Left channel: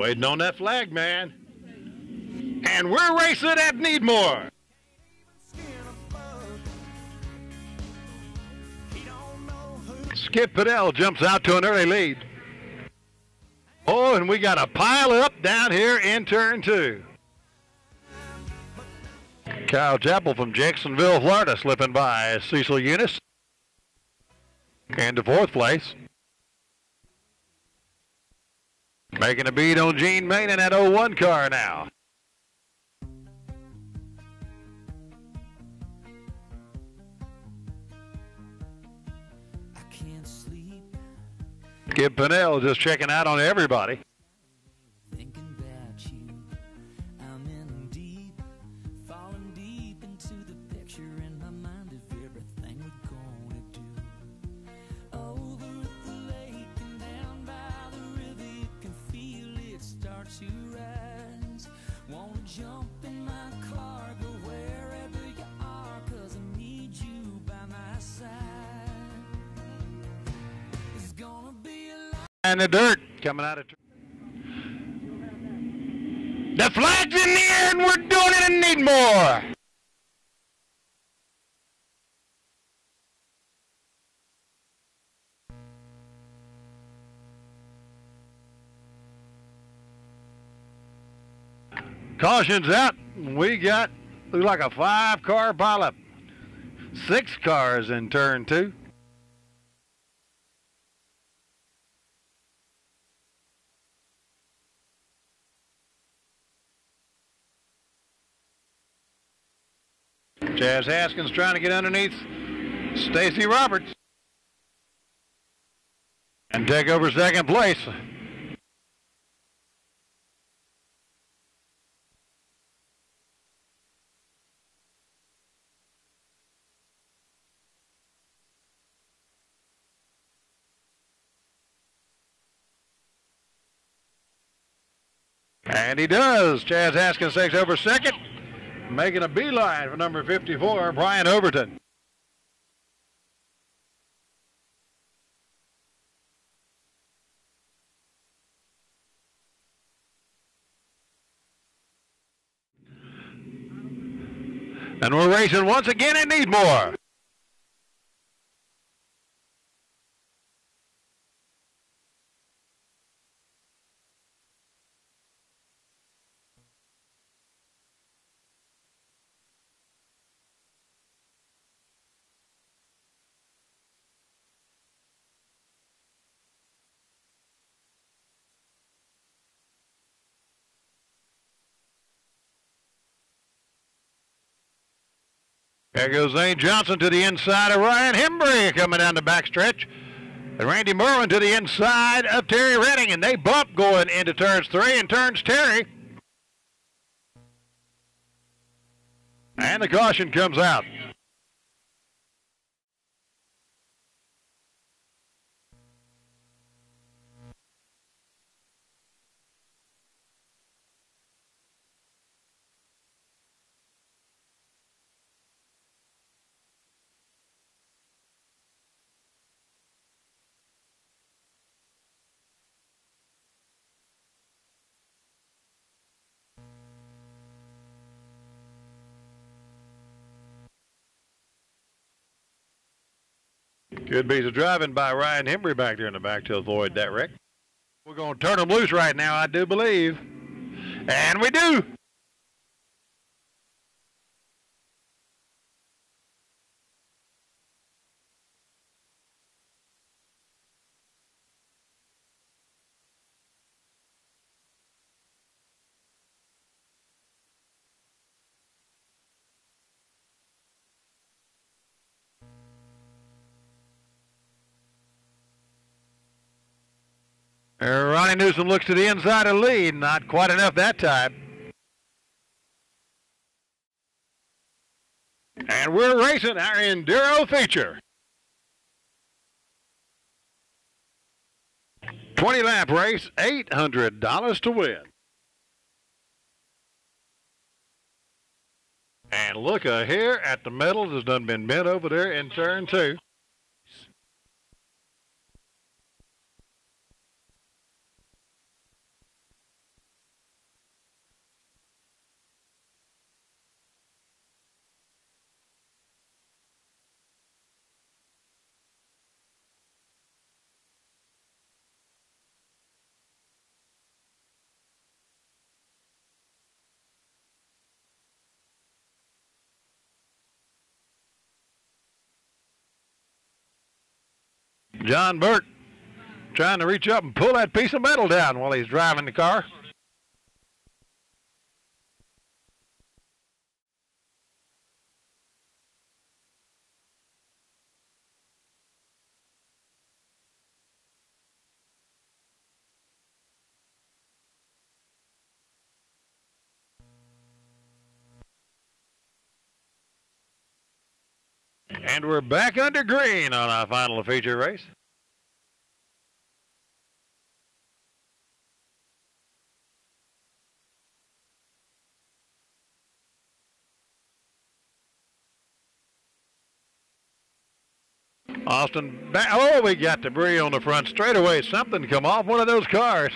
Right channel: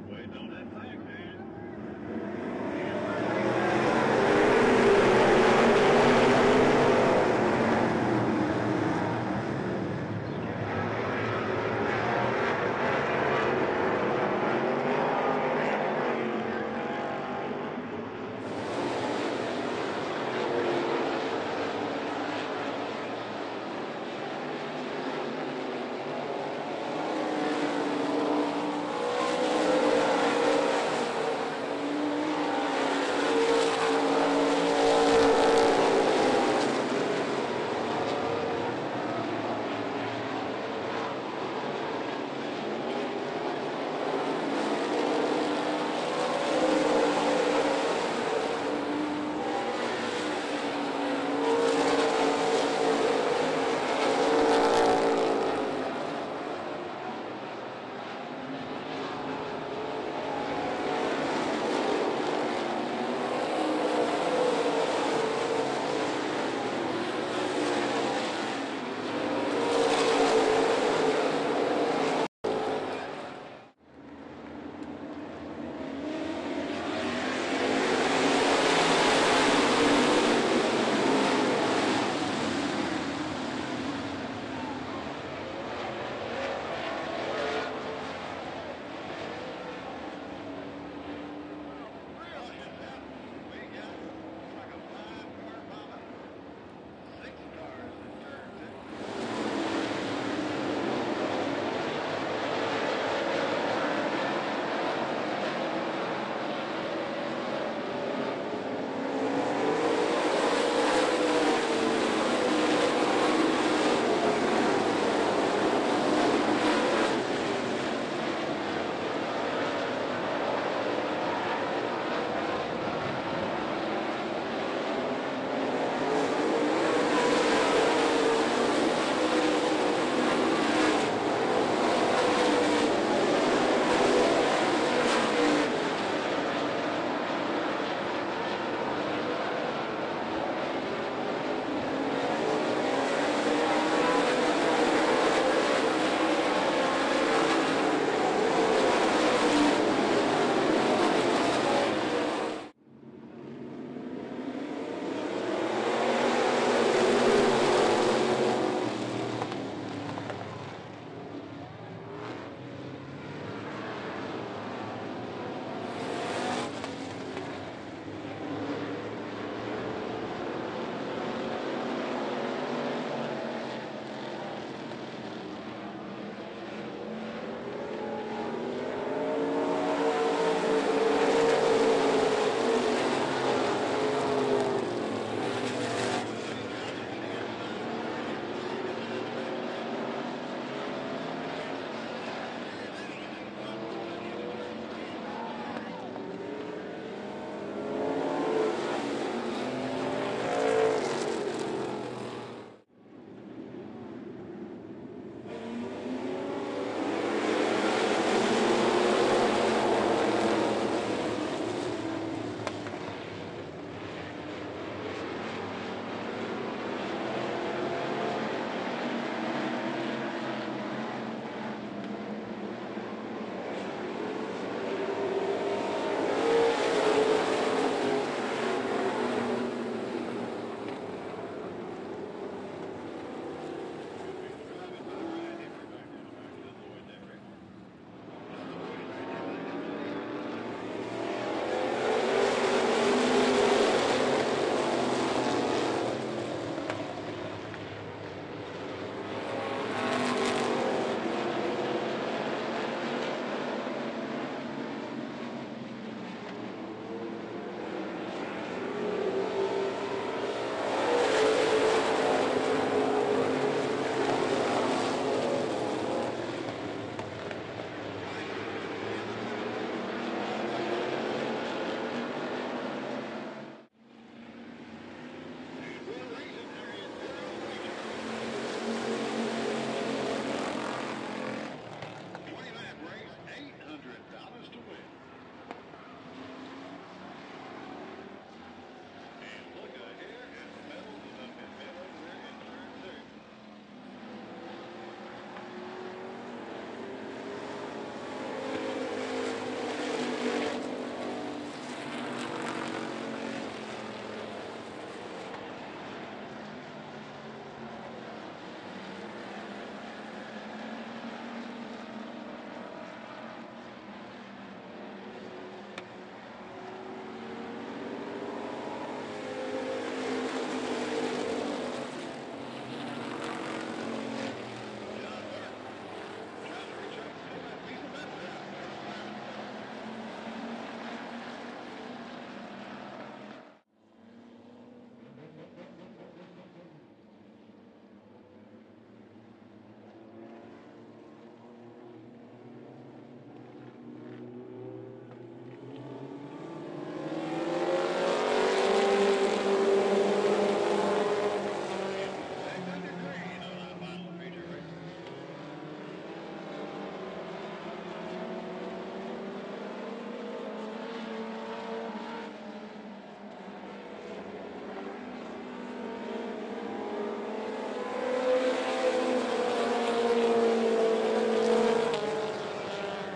Waiting on that flag, man. And we're racing at Needmore. Skip Pinnell jumps out to an early lead. Oh, and we got a pile up down here in turn 2. Kyle Chappell from Jacksonville, Florida, slipping by Cecil Eunice into 4th place. Making a beat on Gene Main in that 01 car now. Skip Pinnell just checking out on everybody. And the dirt coming out of the flag's in the air and we're doing it in Needmore. Caution's out. We got, looks like a 5-car pileup. 6 cars in turn 2. Chaz Haskins trying to get underneath Stacy Roberts and take over 2nd place. And he does. Chaz Haskins takes over 2nd. Making a beeline for number 54, Brian Overton. And we're racing once again in Needmore. There goes Zane Johnson to the inside of Ryan Hembry coming down the backstretch. And Randy Merwin to the inside of Terry Redding, and they bump going into turns 3 and turns Terry. And the caution comes out. Good piece of driving by Ryan Hembry back there in the back to avoid that wreck. We're going to turn them loose right now, I do believe. And we do. Ronnie Newsom looks to the inside of lead, not quite enough that time. And we're racing our Enduro feature. 20-lap race, $800 to win. And look here at the medal that's done been bent over there in turn 2. John Burke trying to reach up and pull that piece of metal down while he's driving the car. And we're back under green on our final feature race. Austin back. Oh, we got debris on the front straightaway. Something come off one of those cars.